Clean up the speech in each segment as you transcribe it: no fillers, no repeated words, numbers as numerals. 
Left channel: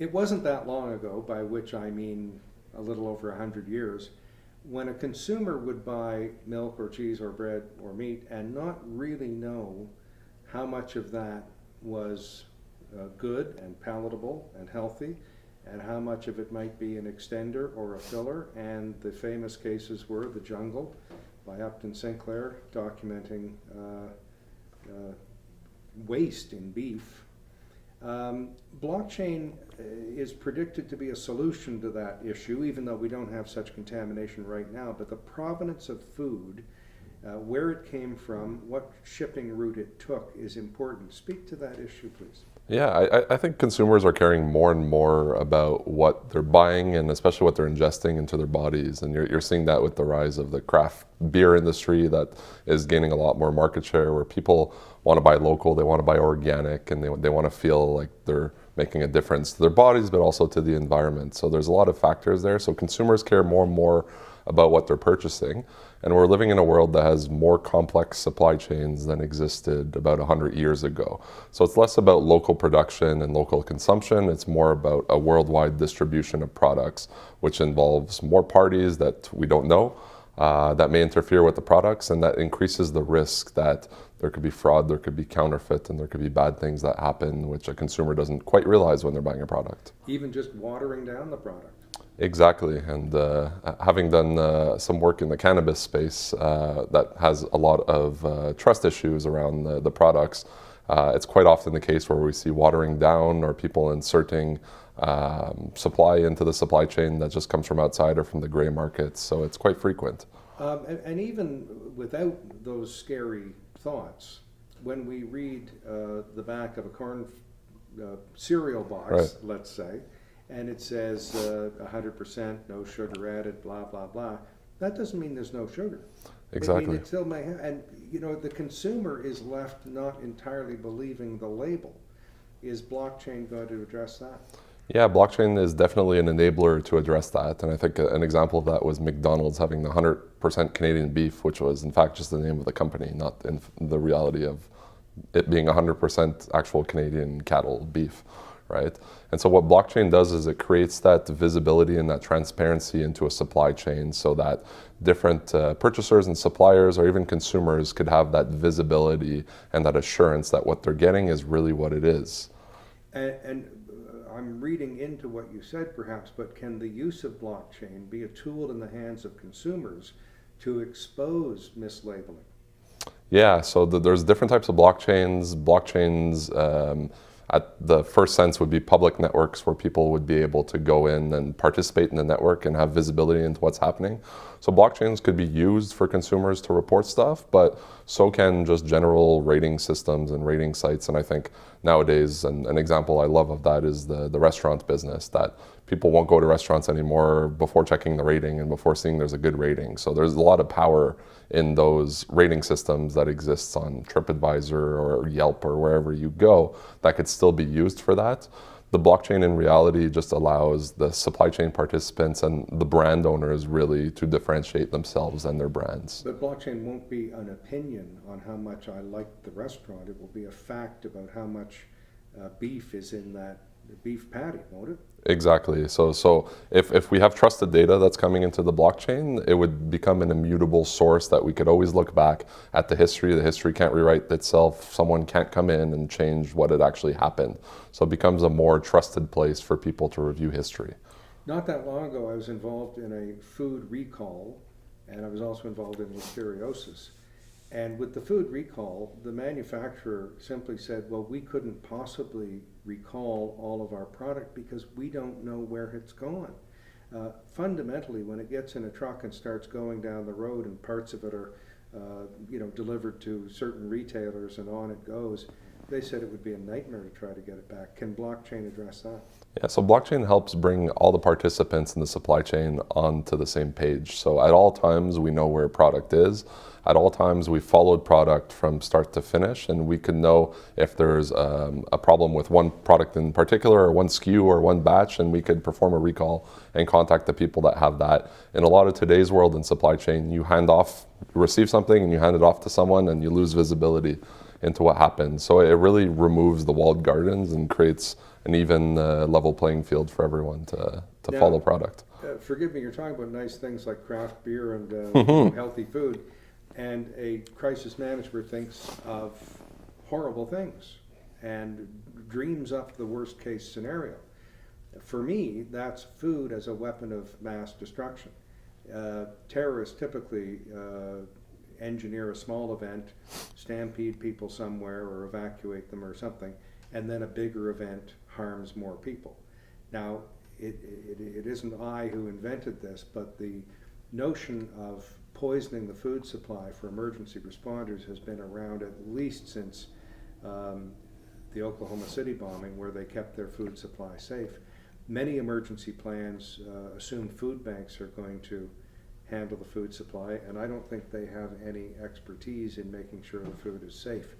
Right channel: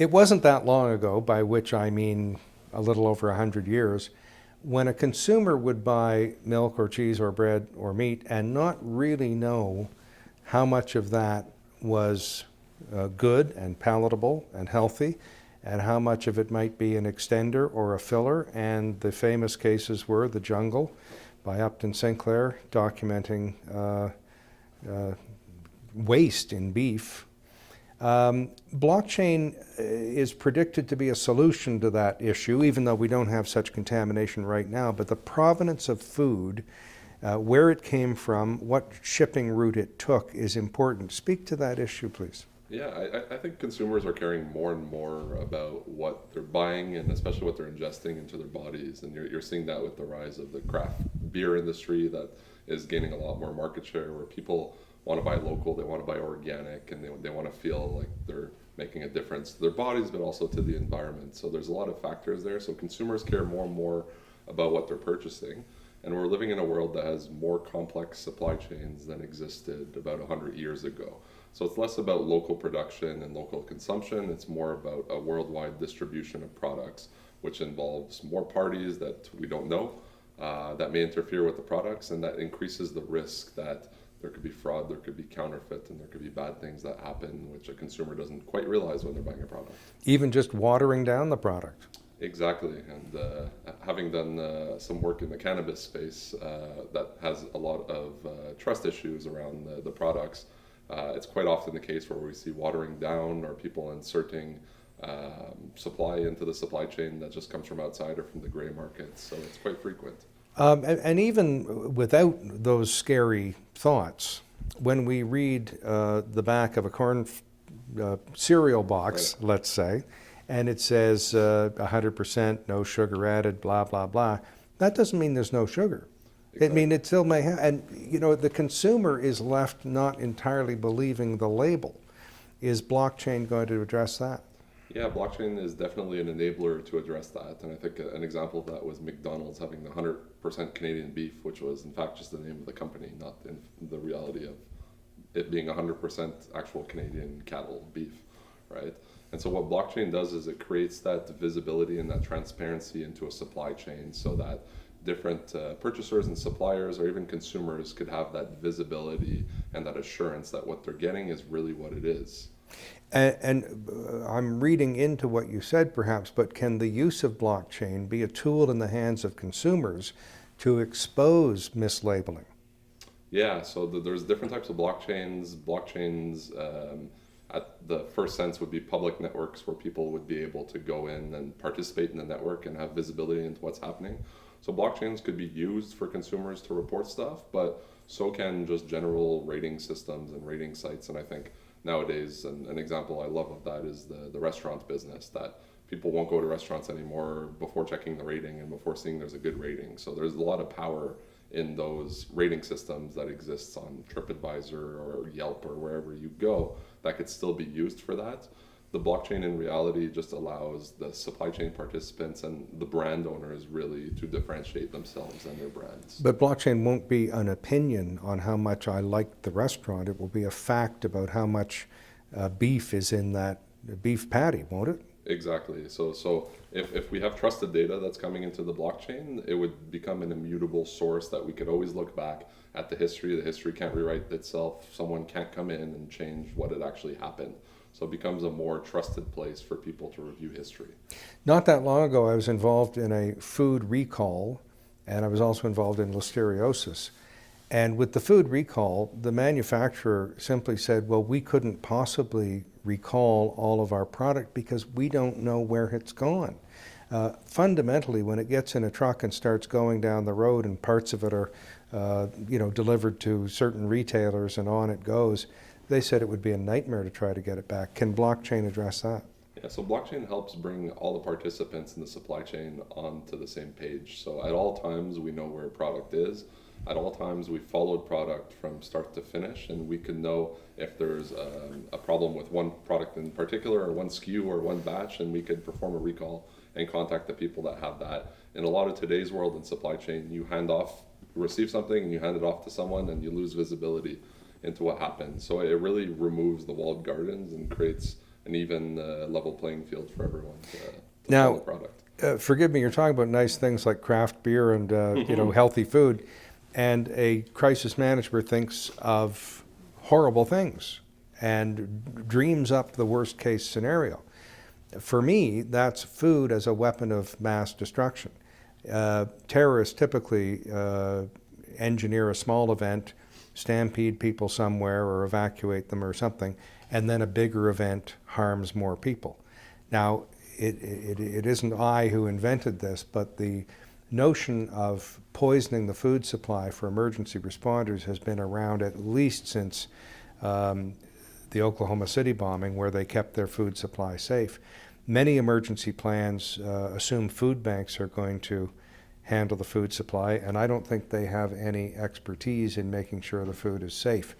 It wasn't that long ago, by which I mean a little over 100 years, when a consumer would buy milk or cheese or bread or meat and not really know how much of that was good and palatable and healthy, and how much of it might be an extender or a filler. And the famous cases were The Jungle by Upton Sinclair, documenting waste in beef. Blockchain is predicted to be a solution to that issue, even though we don't have such contamination right now. But the provenance of food, where it came from, what shipping route it took is important. Speak to that issue, please. Yeah, I think consumers are caring more and more about what they're buying and especially what they're ingesting into their bodies. And you're seeing that with the rise of the craft beer industry that is gaining a lot more market share, where people want to buy local, they want to buy organic, and they want to feel like they're making a difference to their bodies, but also to the environment. So there's a lot of factors there. So consumers care more and more about what they're purchasing. And we're living in a world that has more complex supply chains than existed about 100 years ago. So it's less about local production and local consumption. It's more about a worldwide distribution of products, which involves more parties that we don't know that may interfere with the products, and that increases the risk that there could be fraud, there could be counterfeit, and there could be bad things that happen, which a consumer doesn't quite realize when they're buying a product. Even just watering down the product. Exactly, and having done some work in the cannabis space that has a lot of trust issues around the products, it's quite often the case where we see watering down or people inserting supply into the supply chain that just comes from outside or from the gray markets, so it's quite frequent. And even without those scary thoughts, when we read the back of a corn cereal box, Right. let's say, and it says 100% no sugar added, blah, blah, blah, that doesn't mean there's no sugar. I mean, Exactly. it still may have, and the consumer is left not entirely believing the label. Is blockchain going to address that? Yeah, blockchain is definitely an enabler to address that. And I think an example of that was McDonald's having the 100% Canadian beef, which was in fact just the name of the company, not in the reality of it being 100% actual Canadian cattle beef, right? And so what blockchain does is it creates that visibility and that transparency into a supply chain so that different purchasers and suppliers or even consumers could have that visibility and that assurance that what they're getting is really what it is. And I'm reading into what you said perhaps, but can the use of blockchain be a tool in the hands of consumers to expose mislabeling? Yeah, so there's different types of blockchains. At the first sense would be public networks where people would be able to go in and participate in the network and have visibility into what's happening. So blockchains could be used for consumers to report stuff, but so can just general rating systems and rating sites. And I think nowadays, an example I love of that is the restaurant business, that people won't go to restaurants anymore before checking the rating and before seeing there's a good rating. So there's a lot of power in those rating systems that exists on TripAdvisor or Yelp or wherever you go that could still be used for that. The blockchain in reality just allows the supply chain participants and the brand owners really to differentiate themselves and their brands. But blockchain won't be an opinion on how much I like the restaurant. It will be a fact about how much beef is in that beef patty, won't it? Exactly. So if we have trusted data that's coming into the blockchain, it would become an immutable source that we could always look back at the history. The history can't rewrite itself. Someone can't come in and change what had actually happened. So it becomes a more trusted place for people to review history. Not that long ago, I was involved in a food recall, and I was also involved in listeriosis. And with the food recall, the manufacturer simply said, well, we couldn't possibly recall all of our product because we don't know where it's gone. Fundamentally, when it gets in a truck and starts going down the road and parts of it are delivered to certain retailers and on it goes, they said it would be a nightmare to try to get it back. Can blockchain address that? Yeah, so blockchain helps bring all the participants in the supply chain onto the same page. So at all times, we know where a product is. At all times, we followed product from start to finish, and we can know if there's a problem with one product in particular, or one SKU, or one batch, and we could perform a recall and contact the people that have that. In a lot of today's world in supply chain, you receive something, and you hand it off to someone, and you lose visibility into what happens. So it really removes the walled gardens and creates an even level playing field for everyone to Now, follow product. Forgive me, you're talking about nice things like craft beer and healthy food, and a crisis manager thinks of horrible things and dreams up the worst case scenario. For me, that's food as a weapon of mass destruction. Terrorists typically engineer a small event, stampede people somewhere or evacuate them or something, and then a bigger event harms more people. Now, it isn't I who invented this, but the notion of poisoning the food supply for emergency responders has been around at least since the Oklahoma City bombing, where they kept their food supply safe. Many emergency plans assume food banks are going to handle the food supply, and I don't think they have any expertise in making sure the food is safe.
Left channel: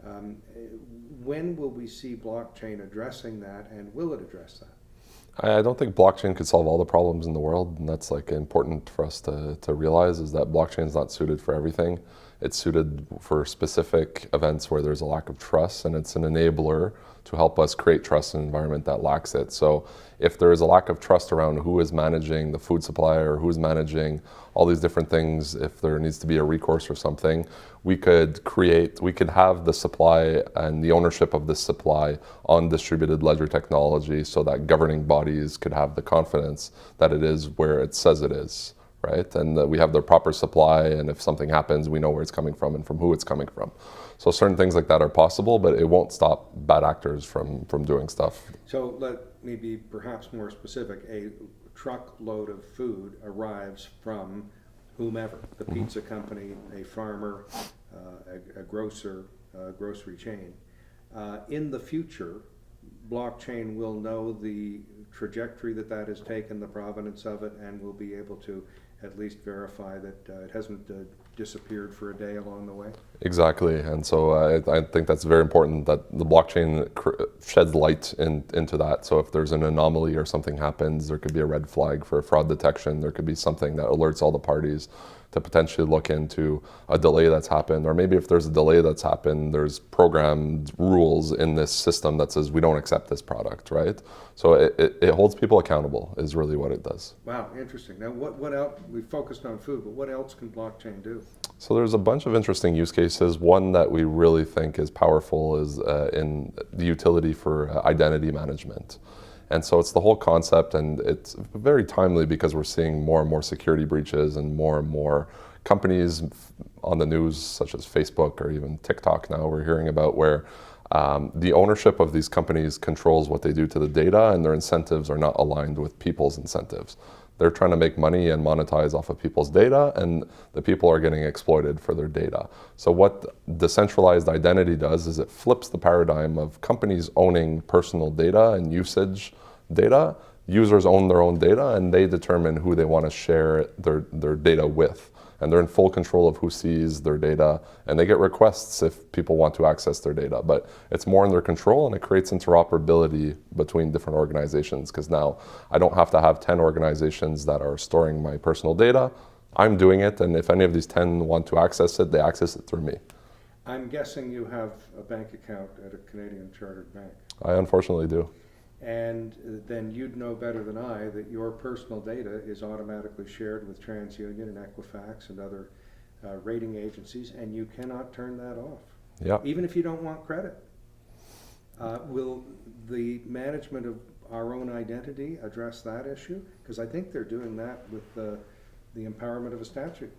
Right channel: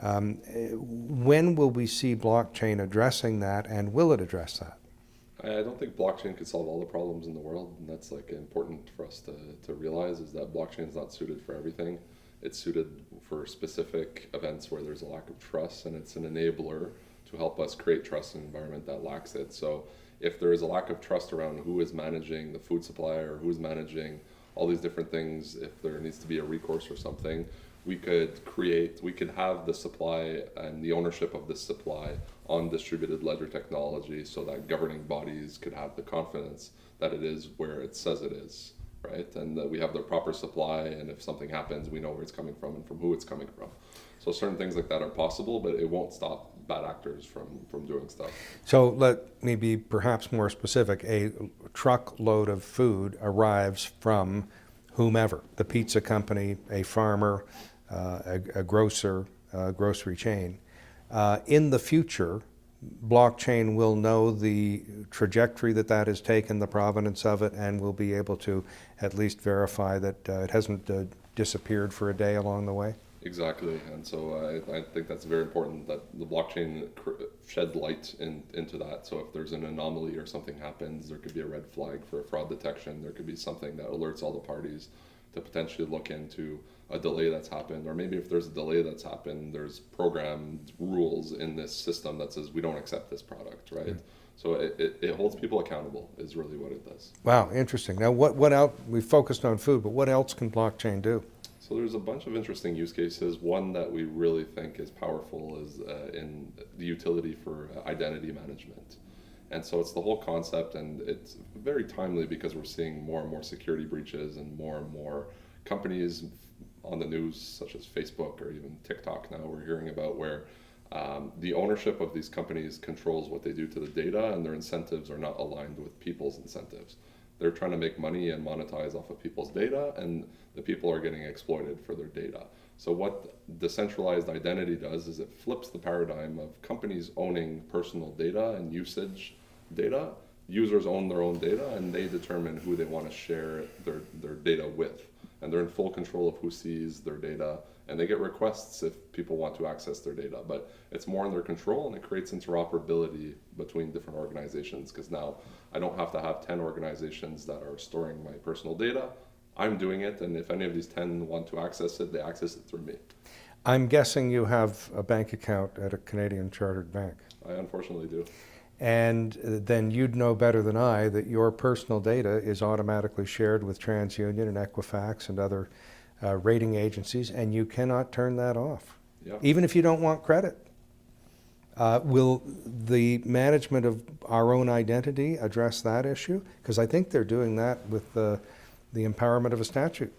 When will we see blockchain addressing that, and will it address that? I don't think blockchain could solve all the problems in the world, and that's like important for us to realize, is that blockchain is not suited for everything. It's suited for specific events where there's a lack of trust, and it's an enabler to help us create trust in an environment that lacks it. So if there is a lack of trust around who is managing the food supply or who is managing all these different things, if there needs to be a recourse or something, we could have the supply and the ownership of this supply on distributed ledger technology, so that governing bodies could have the confidence that it is where it says it is, right? And that we have the proper supply, and if something happens, we know where it's coming from and from who it's coming from. So certain things like that are possible, but it won't stop bad actors from doing stuff. So let me be perhaps more specific. A truckload of food arrives from whomever, the pizza company, a farmer, a grocer, a grocery chain. In the future, blockchain will know the trajectory that has taken, the provenance of it, and will be able to at least verify that it hasn't disappeared for a day along the way. Exactly, and so I think that's very important, that the blockchain sheds light into that. So if there's an anomaly or something happens, there could be a red flag for fraud detection. There could be something that alerts all the parties to potentially look into a delay that's happened, or maybe if there's a delay that's happened, there's programmed rules in this system that says we don't accept this product, right? So it holds people accountable is really what it does. Wow, interesting. Now what else, we focused on food, but what else can blockchain do? So there's a bunch of interesting use cases. One that we really think is powerful is in the utility for identity management. And so it's the whole concept, and it's very timely because we're seeing more and more security breaches and more companies on the news, such as Facebook or even TikTok now we're hearing about, where the ownership of these companies controls what they do to the data, and their incentives are not aligned with people's incentives. They're trying to make money and monetize off of people's data, and the people are getting exploited for their data. So what decentralized identity does is it flips the paradigm of companies owning personal data and usage data. Users own their own data, and they determine who they want to share their data with. And they're in full control of who sees their data, and they get requests if people want to access their data. But it's more in their control, and it creates interoperability between different organizations, because now I don't have to have 10 organizations that are storing my personal data. I'm doing it, and if any of these 10 want to access it, they access it through me. I'm guessing you have a bank account at a Canadian chartered bank. I unfortunately do. And then you'd know better than I that your personal data is automatically shared with TransUnion and Equifax and other rating agencies, and you cannot turn that off, even if you don't want credit. Will the management of our own identity address that issue? Because I think they're doing that with the empowerment of a statute.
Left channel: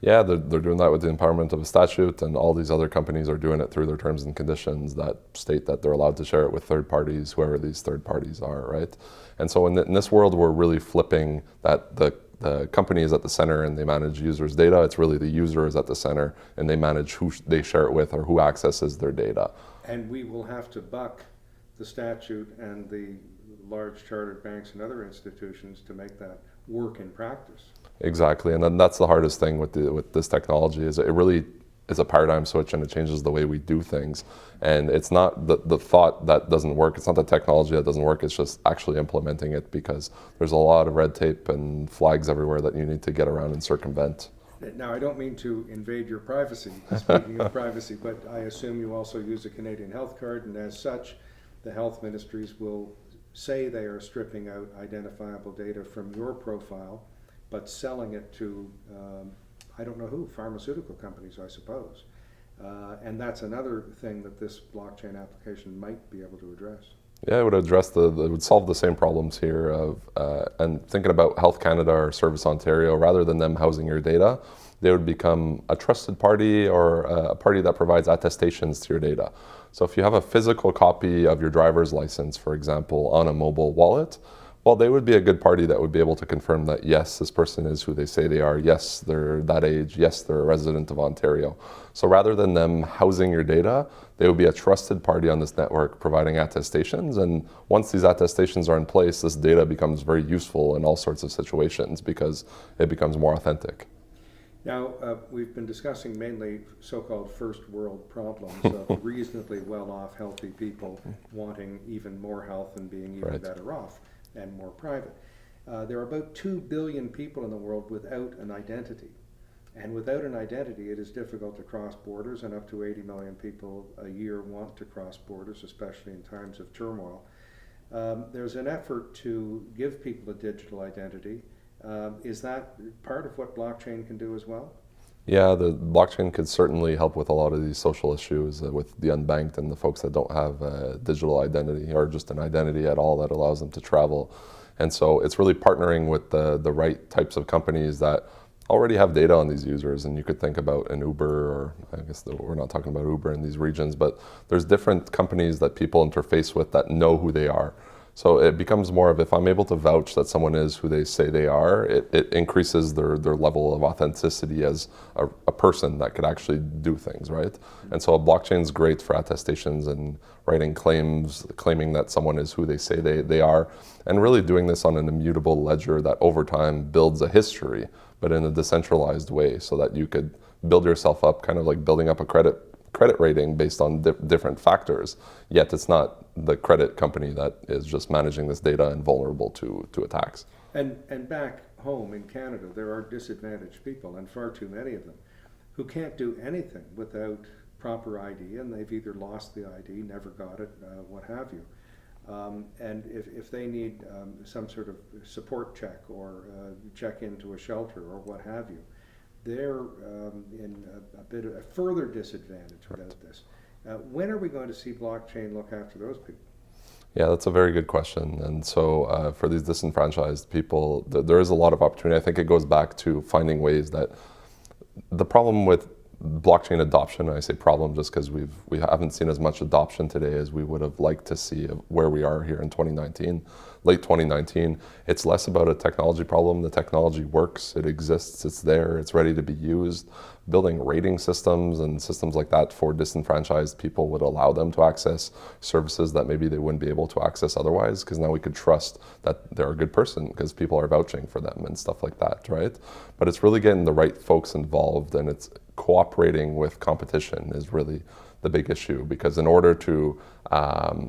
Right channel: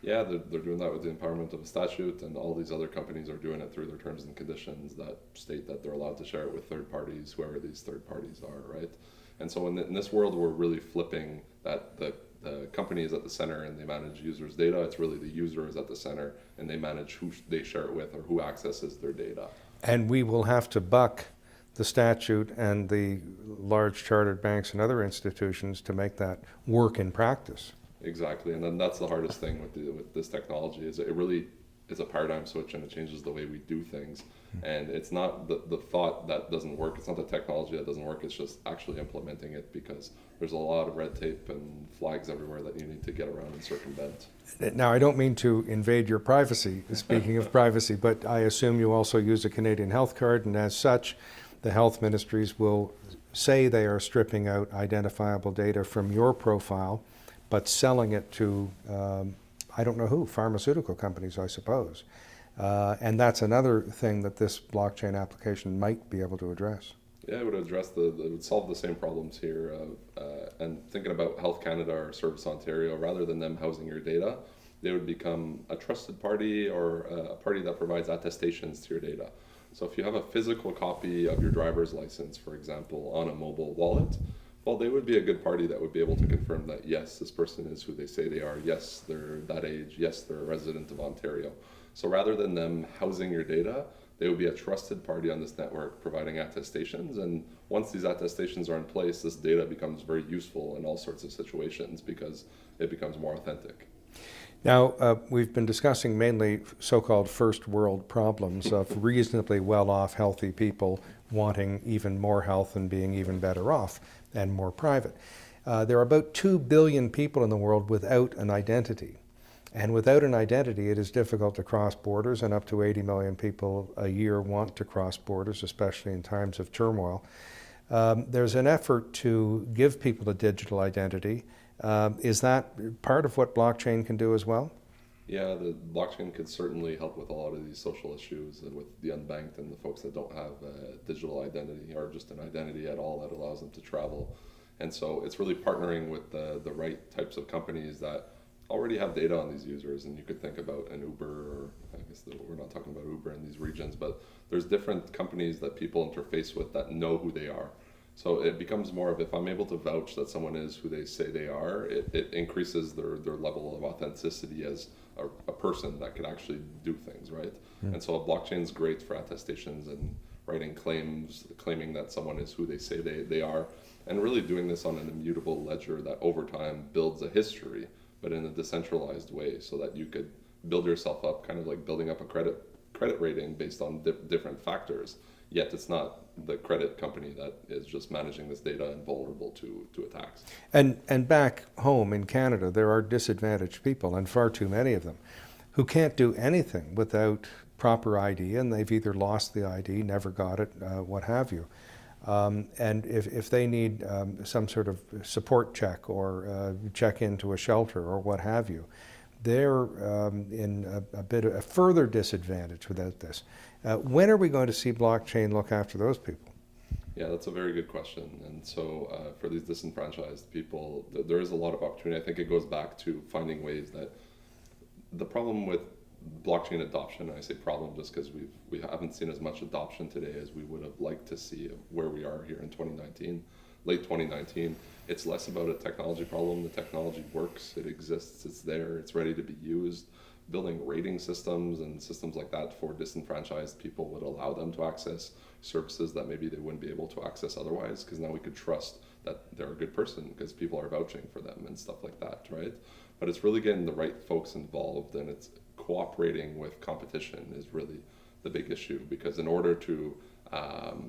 Yeah, they're doing that with the empowerment of a statute, and all these other companies are doing it through their terms and conditions that state that they're allowed to share it with third parties, whoever these third parties are, right? And so in this world, we're really flipping that the company is at the center and they manage users' data. It's really the user is at the center and they manage who they share it with or who accesses their data. And we will have to buck the statute and the large chartered banks and other institutions to make that work in practice. Exactly, and then that's the hardest thing with this technology, is it really is a paradigm switch, and it changes the way we do things. And it's not the thought that doesn't work, it's not the technology that doesn't work, it's just actually implementing it, because there's a lot of red tape and flags everywhere that you need to get around and circumvent. Now, I don't mean to invade your privacy, speaking of privacy, but I assume you also use a Canadian health card, and as such, the health ministries will say they are stripping out identifiable data from your profile, but selling it to, I don't know who, pharmaceutical companies, I suppose. And that's another thing that this blockchain application might be able to address. Yeah, it would address it would solve the same problems here of, and thinking about Health Canada or Service Ontario, rather than them housing your data, they would become a trusted party or a party that provides attestations to your data. So if you have a physical copy of your driver's license, for example, on a mobile wallet, well, they would be a good party that would be able to confirm that, yes, this person is who they say they are, yes, they're that age, yes, they're a resident of Ontario. So rather than them housing your data, they would be a trusted party on this network providing attestations. And once these attestations are in place, this data becomes very useful in all sorts of situations because it becomes more authentic. Now, we've been discussing mainly so-called first world problems of reasonably well-off, healthy people wanting even more health and being even better off and more private. There are about 2 billion people in the world without an identity. And without an identity, it is difficult to cross borders, and up to 80 million people a year want to cross borders, especially in times of turmoil. There's an effort to give people a digital identity. Is that part of what blockchain can do as well? Yeah, the blockchain could certainly help with a lot of these social issues with the unbanked and the folks that don't have a digital identity or just an identity at all that allows them to travel. And so it's really partnering with the right types of companies that already have data on these users. And you could think about an Uber, or I guess we're not talking about Uber in these regions, but there's different companies that people interface with that know who they are. So it becomes more of, if I'm able to vouch that someone is who they say they are, it increases their level of authenticity as a person that could actually do things, right? Mm-hmm. And so a blockchain is great for attestations and writing claims, claiming that someone is who they say they are, and really doing this on an immutable ledger that over time builds a history, but in a decentralized way, so that you could build yourself up, kind of like building up a credit rating based on different factors, yet it's not the credit company that is just managing this data and vulnerable to attacks. And back home in Canada, there are disadvantaged people, and far too many of them, who can't do anything without proper ID, and they've either lost the ID, never got it, what have you. And if they need some sort of support check or check into a shelter or what have you, they're in a bit of a further disadvantage without this. When are we going to see blockchain look after those people? Yeah, that's a very good question. And so for these disenfranchised people, there is a lot of opportunity. I think it goes back to finding ways that the problem with blockchain adoption, and I say problem just because we haven't seen as much adoption today as we would have liked to see where we are here in 2019, late 2019. It's less about a technology problem. The technology works, it exists, it's there, it's ready to be used. Building rating systems and systems like that for disenfranchised people would allow them to access services that maybe they wouldn't be able to access otherwise, because now we could trust that they're a good person because people are vouching for them and stuff like that, right? But it's really getting the right folks involved, and it's cooperating with competition is really the big issue, because in order to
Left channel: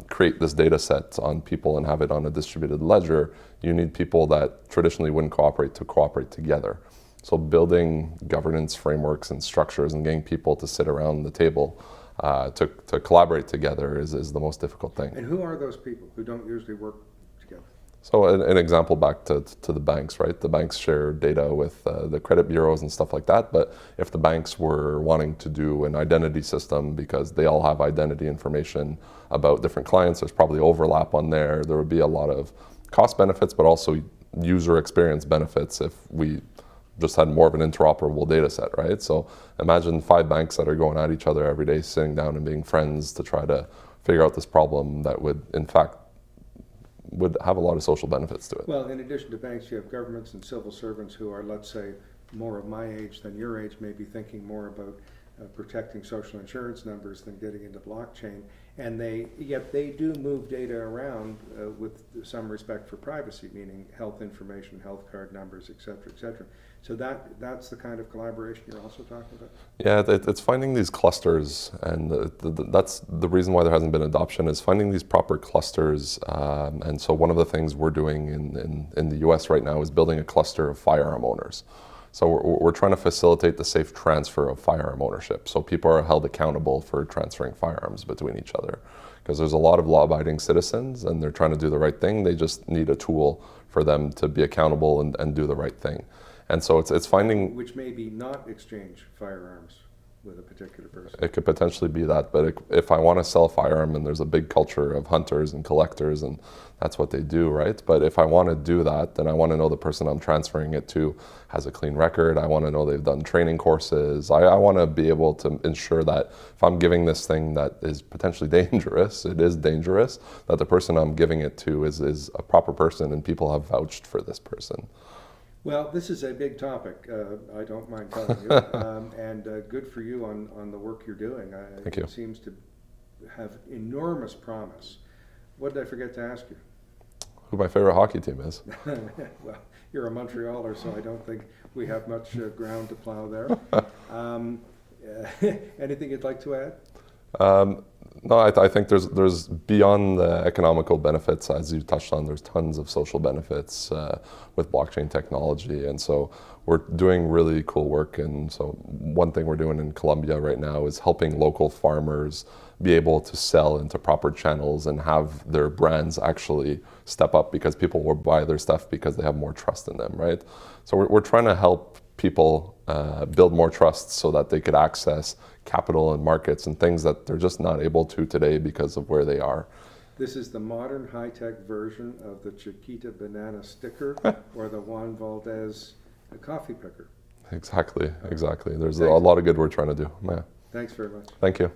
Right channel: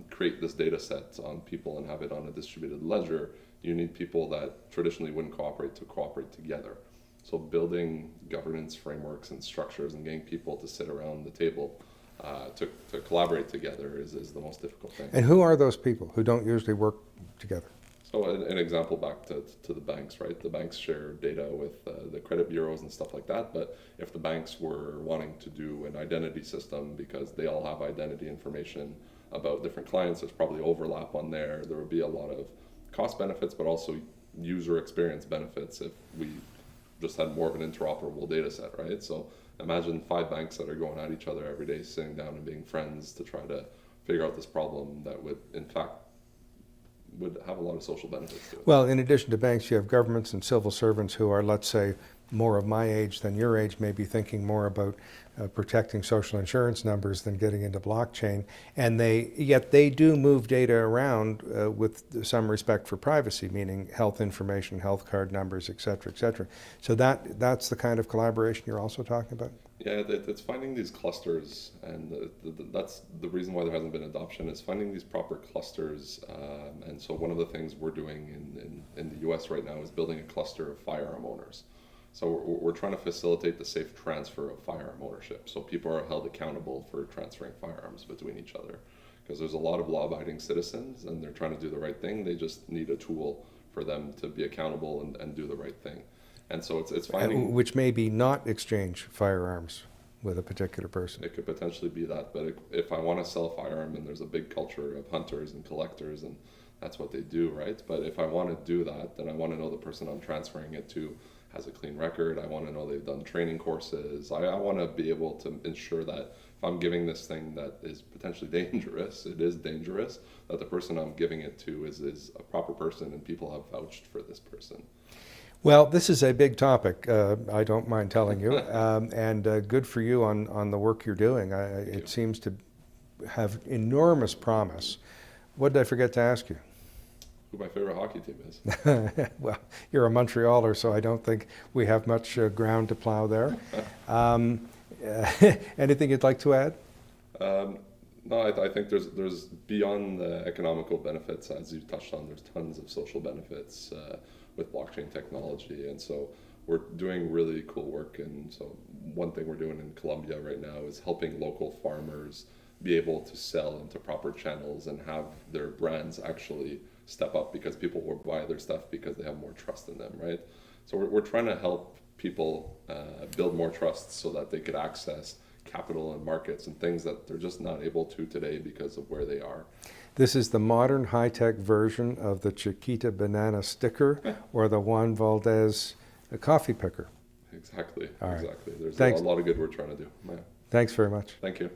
create this data set on people and have it on a distributed ledger, you need people that traditionally wouldn't cooperate to cooperate together. So building governance frameworks and structures and getting people to sit around the table to collaborate together is the most difficult thing. And who are those people who don't usually work together? So an example back to the banks, right? The banks share data with the credit bureaus and stuff like that. But if the banks were wanting to do an identity system because they all have identity information about different clients, there's probably overlap on there. There would be a lot of cost benefits, but also user experience benefits if we just had more of an interoperable data set, right? So imagine 5 banks that are going at each other every day, sitting down and being friends to try to figure out this problem that would, in fact, would have a lot of social benefits to it. Well, in addition to banks, you have governments and civil servants who are, let's say, more of my age than your age, maybe thinking more about protecting social insurance numbers than getting into blockchain, and yet they do move data around with some respect for privacy, meaning health information, health card numbers, et cetera, so that's the kind of collaboration you're also talking about? Yeah, it's finding these clusters, and that's the reason why there hasn't been adoption, is finding these proper clusters. And so one of the things we're doing in the US right now is building a cluster of firearm owners. So we're trying to facilitate the safe transfer of firearm ownership. So people are held accountable for transferring firearms between each other. Because there's a lot of law-abiding citizens and they're trying to do the right thing. They just need a tool for them to be accountable and do the right thing. And so it's finding... Which may be not exchange firearms with a particular person. It could potentially be that, but if I want to sell a firearm and there's a big culture of hunters and collectors and that's what they do, right? But if I want to do that, then I want to know the person I'm transferring it to has a clean record. I want to know they've done training courses. I want to be able to ensure that if I'm giving this thing that is potentially dangerous, it is dangerous, that the person I'm giving it to is a proper person and people have vouched for this person. Well, this is a big topic, I don't mind telling you, and good for you on the work you're doing. Thank you. It seems to have enormous promise. What did I forget to ask you? Who my favorite hockey team is. Well, you're a Montrealer, so I don't think we have much ground to plow there. Anything you'd like to add? No, I think there's beyond the economical benefits, as you touched on, there's tons of social benefits with blockchain technology. And so we're doing really cool work. And so one thing we're doing in Colombia right now is helping local farmers be able to sell into proper channels and have their brands actually step up because people will buy their stuff because they have more trust in them, right? So we're trying to help people build more trust so that they could access capital and markets and things that they're just not able to today because of where they are. This is the modern high-tech version of the Chiquita banana sticker or the Juan Valdez coffee picker. Exactly, exactly. There's a Thanks. lot of good we're trying to do. Yeah. Thanks very much. Thank you.